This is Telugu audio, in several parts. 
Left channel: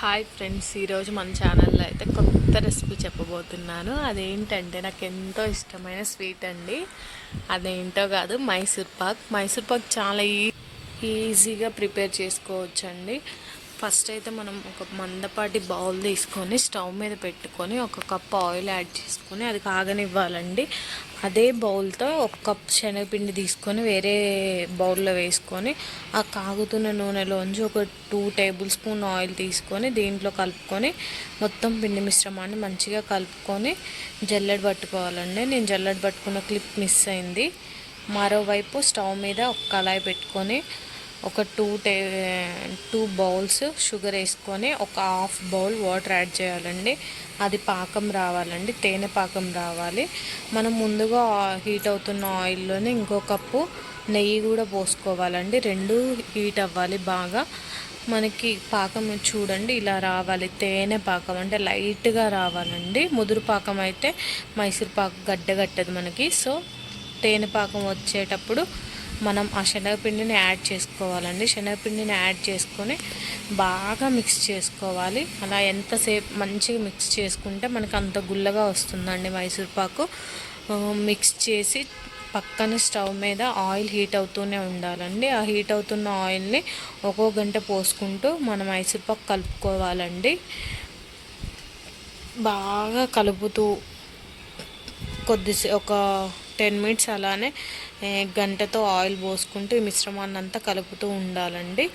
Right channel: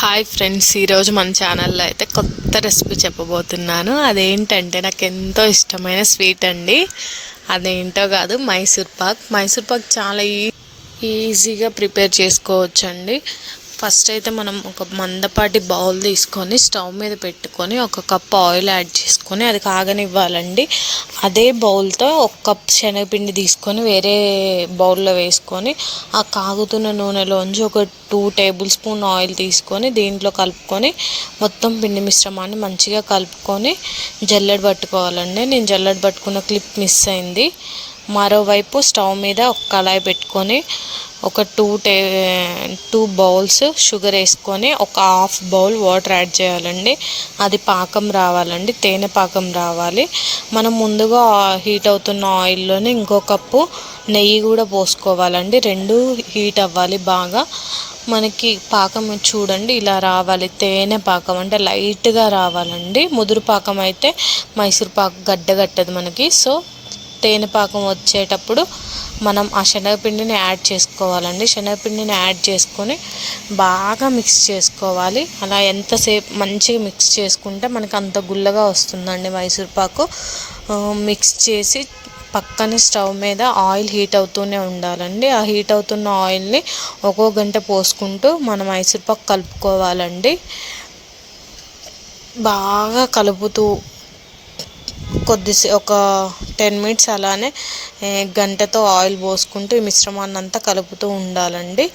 హాయ్ ఫ్రెండ్స్, ఈరోజు మన ఛానల్లో అయితే కొత్త రెసిపీ చెప్పబోతున్నాను. అదేంటంటే నాకు ఎంతో ఇష్టమైన స్వీట్ అండి. అదేంటో కాదు, మైసూర్ పాక్ చాలా ఈజీగా ప్రిపేర్ చేసుకోవచ్చండి. ఫస్ట్ అయితే మనం ఒక మందపాటి బౌల్ తీసుకొని స్టవ్ మీద పెట్టుకొని ఒక కప్ ఆయిల్ యాడ్ చేసుకొని అది కాగనివ్వాలండి. అదే బౌల్తో ఒక కప్ శనగపిండి తీసుకొని వేరే బౌల్లో వేసుకొని ఆ కాగుతున్న నూనెలోంచి ఒక 2 టేబుల్ స్పూన్ ఆయిల్ తీసుకొని దీంట్లో కలుపుకొని మొత్తం పిండి మిశ్రమాన్ని మంచిగా కలుపుకొని జల్లెడ పట్టుకోవాలండి. నేను జల్లెడ పట్టుకున్న క్లిప్ మిస్ అయింది. మరోవైపు స్టవ్ మీద ఒక కళాయి పెట్టుకొని ఒక 2 బౌల్స్ షుగర్ వేసుకొని ఒక హాఫ్ బౌల్ వాటర్ యాడ్ చేయాలండి. అది పాకం రావాలండి, తేనె పాకం రావాలి. మనం ముందుగా హీట్ అవుతున్న ఆయిల్లోనే ఇంకో కప్పు నెయ్యి కూడా పోసుకోవాలండి. రెండు హీట్ అవ్వాలి బాగా. మనకి పాకం చూడండి ఇలా రావాలి. తేనె పాకం అంటే లైట్గా రావాలండి. ముదురు పాకం అయితే మైసూర్ పాకు గడ్డగట్టదు మనకి. సో తేనె పాకం వచ్చేటప్పుడు మనం ఆ శనగపిండిని యాడ్ చేసుకోవాలండి. శనగపిండిని యాడ్ చేసుకొని బాగా మిక్స్ చేసుకోవాలి. అలా ఎంతసేపు మంచిగా మిక్స్ చేసుకుంటే మనకు అంత గుల్లగా వస్తుందండి మైసూర్పాకు. మిక్స్ చేసి పక్కనే స్టవ్ మీద ఆయిల్ హీట్ అవుతూనే ఉండాలండి. ఆ హీట్ అవుతున్న ఆయిల్ని ఒక్కో గంట పోసుకుంటూ మనం మైసూర్పాకు కలుపుకోవాలండి. బాగా కలుపుతూ ఒక 10 మినిట్స్ అలానే గంటతో ఆయిల్ పోసుకుంటూ ఈ మిశ్రమాన్ని అంతా కలుపుతూ ఉండాలండి.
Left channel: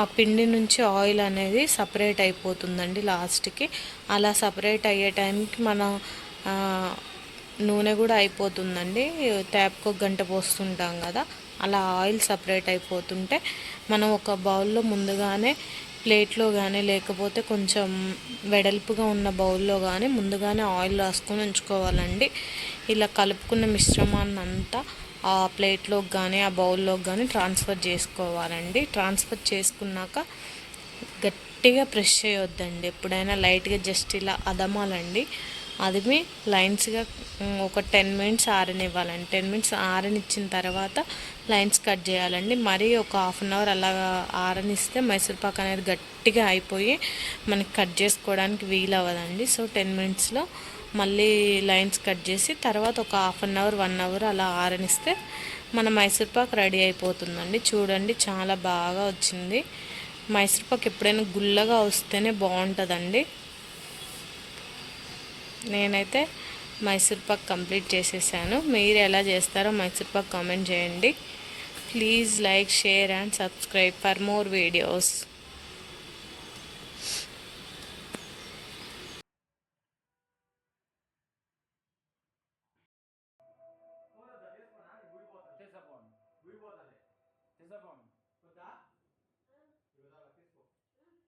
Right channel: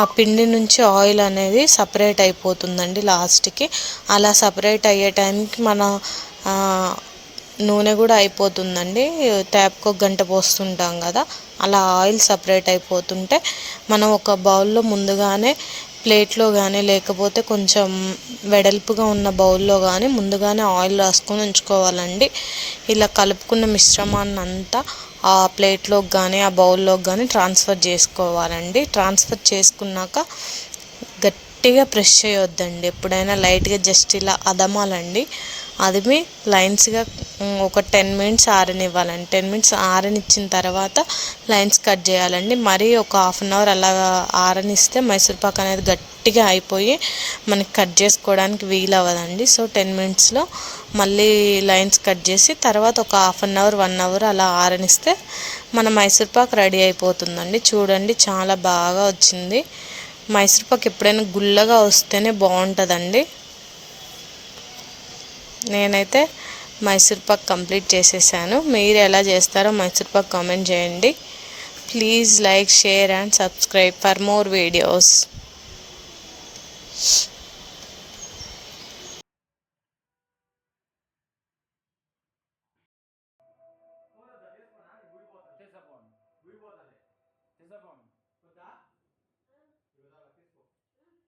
ఆ పిండి నుంచి ఆయిల్ అనేది సపరేట్ అయిపోతుందండి లాస్ట్కి. అలా సపరేట్ అయ్యే టైంకి మన నూనె కూడా అయిపోతుందండి. ట్యాప్కి ఒక గంట పోస్తుంటాం కదా, అలా ఆయిల్ సపరేట్ అయిపోతుంటే మనం ఒక బౌల్లో ముందుగానే ప్లేట్లో కానీ లేకపోతే కొంచెం వెడల్పుగా ఉన్న బౌల్లో కానీ ముందుగానే ఆయిల్ రాసుకొని ఉంచుకోవాలండి. ఇలా కలుపుకున్న మిశ్రమాన్ని అంతా ఆ ప్లేట్లోకి కానీ ఆ బౌల్లోకి కానీ ట్రాన్స్ఫర్ చేసుకోవాలండి. ట్రాన్స్ఫర్ చేసుకున్నాక గట్టిగా ప్రెస్ చేయొద్దండి. ఎప్పుడైనా లైట్గా జస్ట్ ఇలా అదమాలండి. అదిమి లైన్స్గా ఒక 10 మినిట్స్ ఆరనివ్వాలండి. 10 మినిట్స్ ఆరనిచ్చిన తర్వాత లైన్స్ కట్ చేయాలండి. మరీ ఒక హాఫ్ అన్ అవర్ అలా ఆరనిస్తే మైసూర్పాక్ అనేది గట్టిగా అయిపోయి మనకి కట్ చేసుకోవడానికి వీలు అవ్వదండి. సో 10 మినిట్స్లో మళ్ళీ లైన్స్ కట్ చేసి తర్వాత ఒక హాఫ్ అన్ అవర్ 1 అవర్ అలా ఆరనిస్తే మన మైసూర్పాక్ రెడీ అయిపోతుందండి. చూడండి చాలా బాగా వచ్చింది. మైసూర్పాక్ ఎప్పుడైనా గుల్లగా వస్తేనే బాగుంటుందండి. నేనైతే మైసూర్పాక్ కంప్లీట్ చేసేసాను. మీరు ఎలా చేస్తారో మైసూర్పాక్ కామెంట్ చేయండి. Please like, share and subscribe for more videos. తీసపోను